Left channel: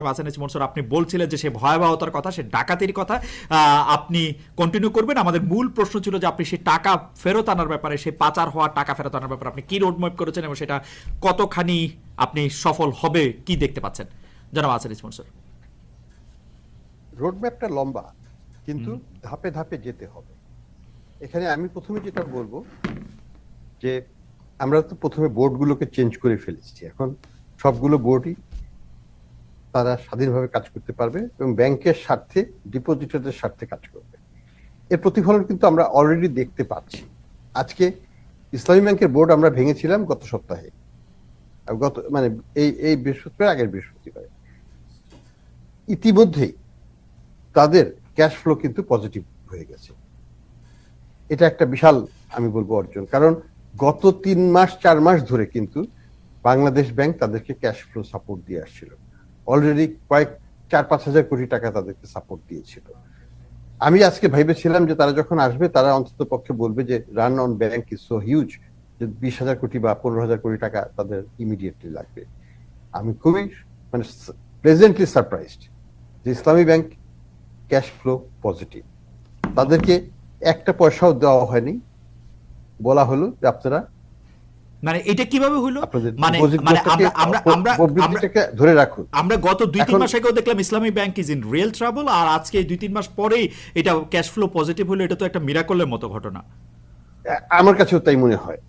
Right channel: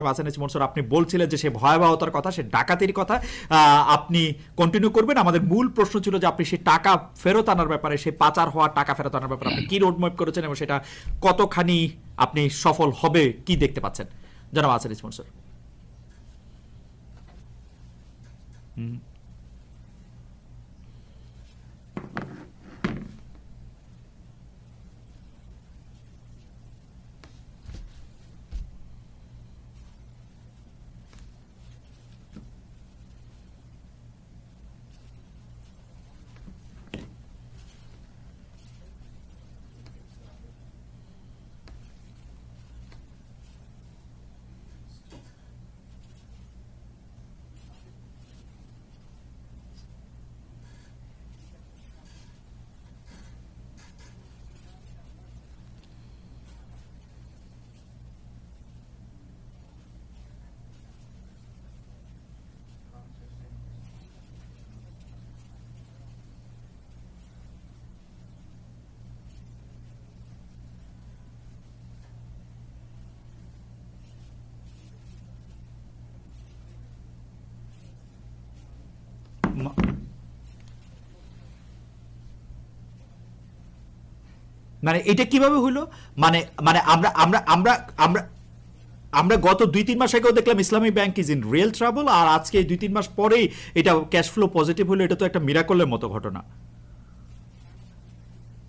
মনসুর, আপনি বলছিলেন যে সে ভয়াবহতার কথা, সে ডাকাতির কথা আপনি কন্টিনিউ করবেন। আমাদের মূল প্রশ্ন ছিল যে আপনি সেই টাকা ফেরত আনার ব্যাপারে, সেই পাচার হওয়া টাকা ফেরত আনার ব্যাপারে আপনি কি রোডম্যাপ করেছেন এবং সেটা কতখানি আপনি সফল হবে কি দেখতে পাচ্ছেন, জনাব আসানিস মনসুর? রোডম্যাপটা লম্বা, কিন্তু ধাপে ধাপে যেতে হবে। এখানে আমি প্রথমে যেটা বলবো যে আমরা তো প্রথমে বোর্ডগুলোকে চেঞ্জ করে ফেলেছি। এখন সবগুলো বোর্ডই তারা স্বাধীনভাবে কাজ করতে পারবে এবং ব্যাংকের স্বার্থে, ডিপোজিটরদের স্বার্থে কাজ করবে। এর প্রতিফলন কিন্তু আমরা অলরেডি দেখতে পাচ্ছি। আজকে ইসলামী ব্যাংকের বোর্ড আমরা ভেঙেছিলাম গত সপ্তাহে, গত মানে এই বৃহস্পতিবার, আগের বৃহস্পতিবার। ইতিমধ্যেই তাদের ক্যাশ ফ্লো কিন্তু পজিটিভ হয়ে গেছে। এটা একটা বিশাল, আমি বলবো, অর্জন। কারণ গত 3 মাস 4 মাস ধরে কিন্তু বাংলাদেশ ব্যাংক তাদেরকে ক্যাশ ফ্লো সাপোর্ট দিয়ে আসছিল। অলরেডি কয়েক 4-5 হাজার কোটি টাকা তাদেরকে সাপোর্ট দিয়েছিল। আমি আজকে ভেবেছিলাম যে তারা যখন আসবে তারা অন্তত পক্ষে বলবে যে run on bank is so huge, যে 20,000 কোটি বা 15,000 কোটি টাকা তাদের ইমিডিয়েটলি লাগবে। আমি খুবই মানে প্লেজেন্টলি সারপ্রাইজড যে ইসলামী ব্যাংক ক্যাশ ফ্লো পজিটিভ। তাদেরকে একটা পয়সাও দেওয়া হয়নি, বলা হলো যে আপনারা মানে এটা কিভাবে হইলো? মানে মানে আমরা আমরা আমরা আমরা ধরে রাখুন। আমরা গত 2-3 মাস আগেও দেখলাম Islami bank is in real trouble, আর আজকে 2-3 মাস পরেই এটা ক্যাশ ফ্লো পজিটিভ হলো। এটা তো একটা মিরাকলের মতো ঘটনা। আমার কাছেও তাই মনে হয়।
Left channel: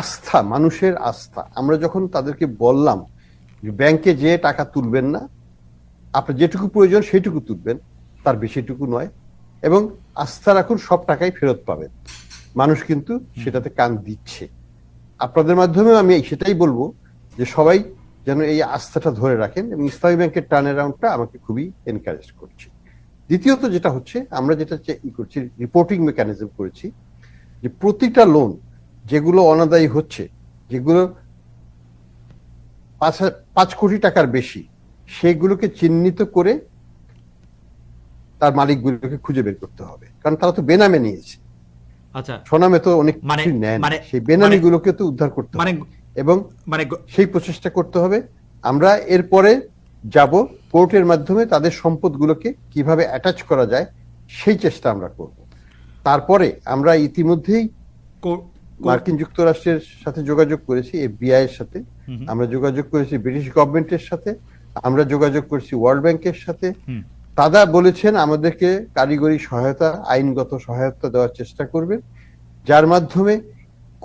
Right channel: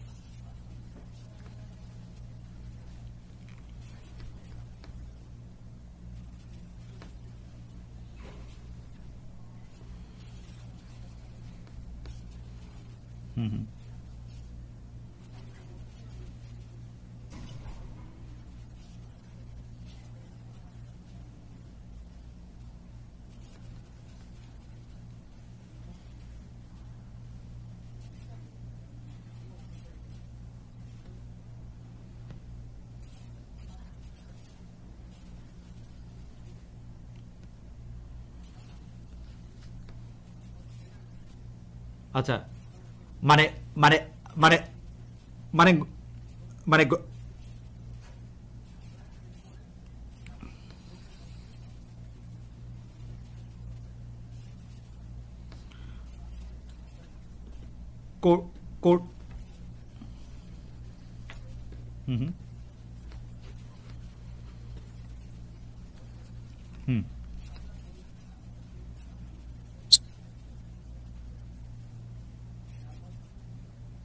আস্থা, মানুষের আস্থা। আমরা যখন তাদেরকে বললাম ব্যাংকে যে টাকা তুলবেন না, আপনার যেটুকু প্রয়োজন সেইটুকু তুলবেন, তার বেশিটুকু নয়, এবং আস্থা রাখুন সব টাকাই ফেরত পাবেন, মানুষ কিন্তু সেটাতে কান দিচ্ছে। আপনাদের মাধ্যমে আমি সেটাই বলবো যে সবাই যেন এই আস্থাটা ধরে রাখেন, এবং ইসলামী ব্যাংকের টার্ন অ্যারাউন্ডটা আমাকে খুবই এনকারেজ করছে। দ্বিতীয়ত যেটা হচ্ছে, আমরা যেটা করছি, রিপোর্টিং মেকানিজম করেছি, যে প্রতিটা লোন যেগুলো অনাদায়ী হচ্ছে, যেগুলো 5 কোটি টাকার বেশি, সেগুলোকে চিহ্নিত করে তার মালিকগুলোকে খুঁজে বের করতে হবে, কারণ তারা তো বেনামে নিয়েছে। আচ্ছা, সোনামে তো অনেক মানে সেই বেনামিগুলোকে তো উদ্ধার করতে হবে, এবং মানে সেই প্রচেষ্টা করতে হবে। আমরা এরপরে যাব কোর্টের মাধ্যমে তাদের সম্পদগুলোকে কিভাবে অ্যাটাচ করা যায় সেই চেষ্টা আমরা করব। তারপরে আমরা ইতিমধ্যেই মার্কিন যুক্তরাষ্ট্রের সাথে যোগাযোগ করেছি, এফবিআই এর সাথে আমরা যোগাযোগ করেছি, ব্রিটিশ গভর্নমেন্টের সাথে আমরা যোগাযোগ করেছি, ওয়ার্ল্ড ব্যাংকের সাথে। তারা বলেছেন আমাদেরকে কারিগরি সহায়তা, আইনগত সহায়তা দেওয়ার চেষ্টা করবেন, যার মাধ্যমে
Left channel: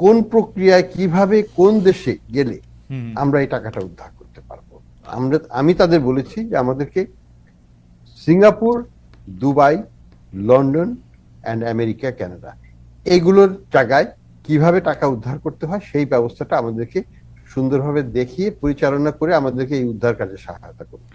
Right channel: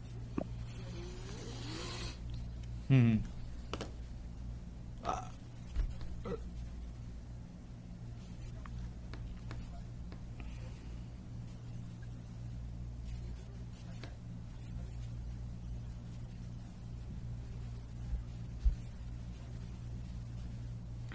কোন প্রক্রিয়ায় কিভাবে কোন দেশে গেলে আমরা এই টাকাটা উদ্ধার করতে পারবো। আমি তাদের বলেছি যে আমাদেরকে Singapore, Dubai, London and America, Canada, এইগুলোর জায়গায় কিভাবে টাকা উদ্ধার করতে হয় সেই ব্যবস্থাটা আমাদেরকে সুন্দরভাবে দেখিয়ে পরিচালনা করে আমাদেরকে এই উদ্ধার কাজে সহায়তা করবে।